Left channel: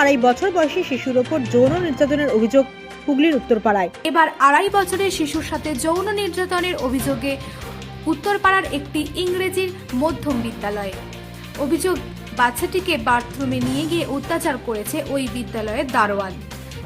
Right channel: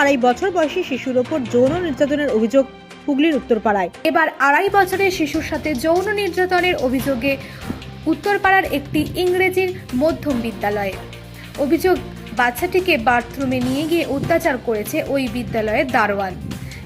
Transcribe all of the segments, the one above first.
আড়াই বছর বয়সী শিশুর ওপর যৌন নির্যাতনের অভিযোগ হুগলির উত্তরপাড়ায়। এবার আড়াই বছরের শিশুর সাথে যৌন নির্যাতনের অভিযোগে উত্তরপাড়ার একটি ইংরেজির মধ্যম বিদ্যালয়ে। অভিযোগ, বাচ্চাটিকে বাথরুমে নিয়ে গিয়ে অত্যাচার করেছে ওই বিদ্যালয়ের দারোয়ান।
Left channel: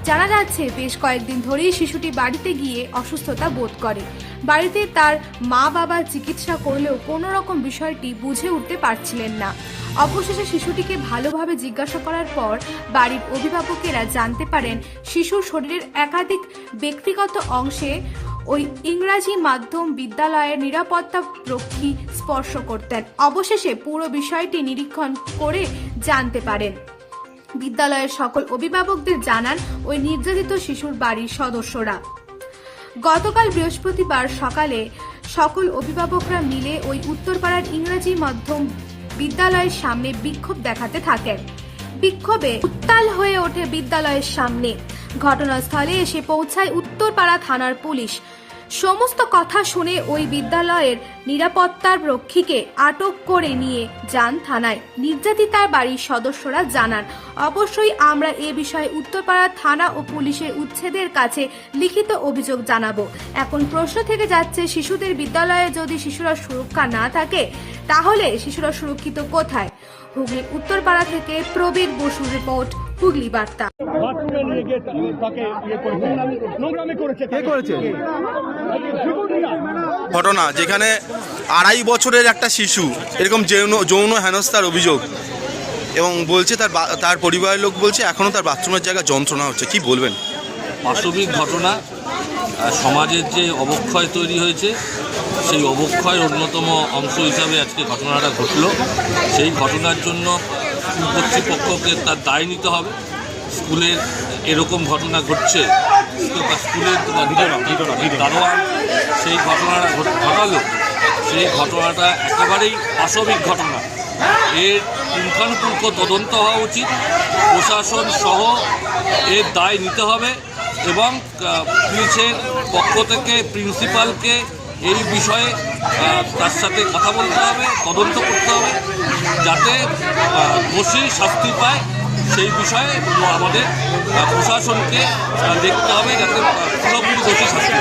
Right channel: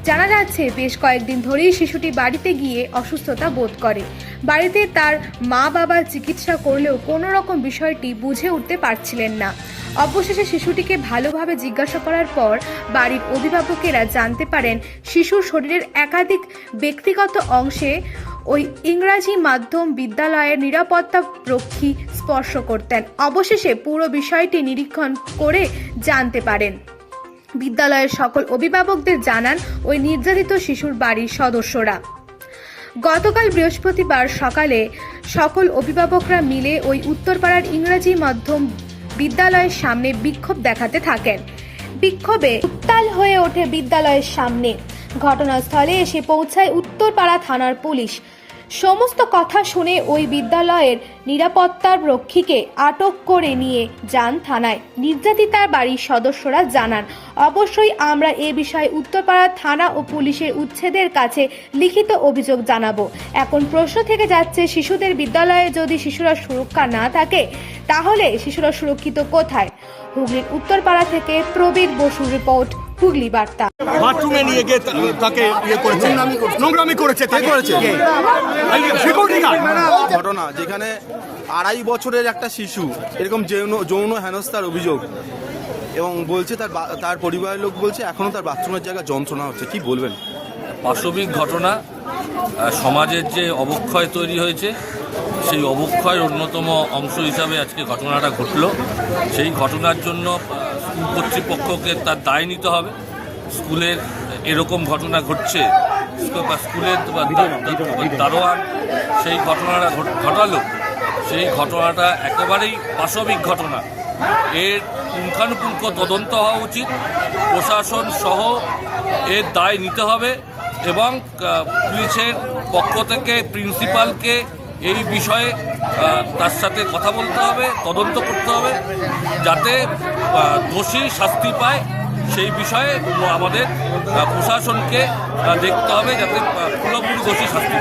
জানা যাচ্ছে, বেশ কয়েকদিন ধরেই শিশুটি বাড়িতে গিয়ে অসুস্থতা বোধ করে। বাড়িতে তার মা বাবা চিকিৎসা করলেও কোনো রকম বিষয়টি বুঝে উঠতে পারছিলেন না। অবশেষে শিশুটিকে ভালোভাবে জিজ্ঞাসা করার পর বাড়ির অভিভাবকেরা জানতে পারেন, শিশুর শরীরের একাধিক ব্যক্তিগত অংশে ওই ইংরাজি মাধ্যম বিদ্যালয়ের নিরাপত্তা রক্ষী স্পর্শ করতেন। অবশেষে পুরো বিষয়টি নিরীক্ষণ করে জানতে পারেন। বিদ্যালয়ের সকল অভিভাবকদের জানান ওই নির্যাতিত শিশুর বাড়ির সদস্যরা। গতকাল বৃহস্পতিবার সকালে সকল অভিভাবকরা মিলে ওই উত্তরপাড়ার ইংরেজি মাধ্যম বিদ্যালয়ের সামনে বিক্ষোভ দেখাতে থাকেন। বিক্ষোভে উত্তাল হয়ে ওঠে বিদ্যালয়ের সামনে। ঘটনাস্থলে এসে পৌঁছায় উত্তরপাড়া থানার পুলিশ। সমস্ত কথা শুনে ওই বিদ্যালয়ের নিরাপত্তার রক্ষীকে আটক করে নিয়ে যান থানায়। নির্যাতিতার বাড়ির সদস্যরা জানান, অবশ্যই আমরা এ বিষয়ে উত্তরপাড়া থানা ও পুলিশের উচ্ছেদের কাছে লিখিত অভিযোগ জানাব। এখন প্রশ্ন থেকে যাচ্ছে, শিশুদের বিদ্যালয়ে যদি শিশুরা সুরক্ষা না থাকে, তাহলে শিশুরা সুরক্ষিত কোথায়? হুগলির উত্তরপাড়া থেকে প্রবীর বসুর রিপোর্ট। হুগলি বার্তা। বাথরুমে নিয়ে গিয়ে তাকে ইয়ে করেছে। নোংরামি করেছে কে? করেছে ঘটনা যেখানে আড়াই বছরের একটা শিশু এরকম যৌন যৌন হেনস্থার অভিযোগ। এবং বলছে তার বা- তার পরিবারের লোক বলছে এখনও তার বাথরুমের জায়গায় যন্ত্রণা হচ্ছে। কি বলবেন? বাস্তবিক ঘটনা সমাজের যে অবক্ষয় তৈরি হয়েছে সেই অবক্ষয়ের অন্যতম অংশ হিসাবে আজকে ঘটনাটা ঘটল। সেই ঘটনার জন্য কর্তৃপক্ষকে তার দায় নিতে হবে। স্কুলের এরকম ঘটনা ঘটছে স্কুলের দারোয়ান সেই ঘটনাটা ঘটালো। সেই ঘটনাটা একেবারেই পাশবিক ঘটনা। এর পুঙ্খানুপুঙ্খ তদন্ত হওয়া উচিত। প্রশাসন সহ এর দায় নিতে হবে এবং পুলিশের পক্ষ থেকে প্রিন্সিপালকে এই বিষয়ে তার সাথে কথা বলতে হবে, তদন্ত করতে হবে, যাতে দোষী শাস্তি পায়। সেই বিষয়ে আমাদের প্রশাসনকে দেখতে হবে যাতে পুরোপুরি দোষী শাস্তি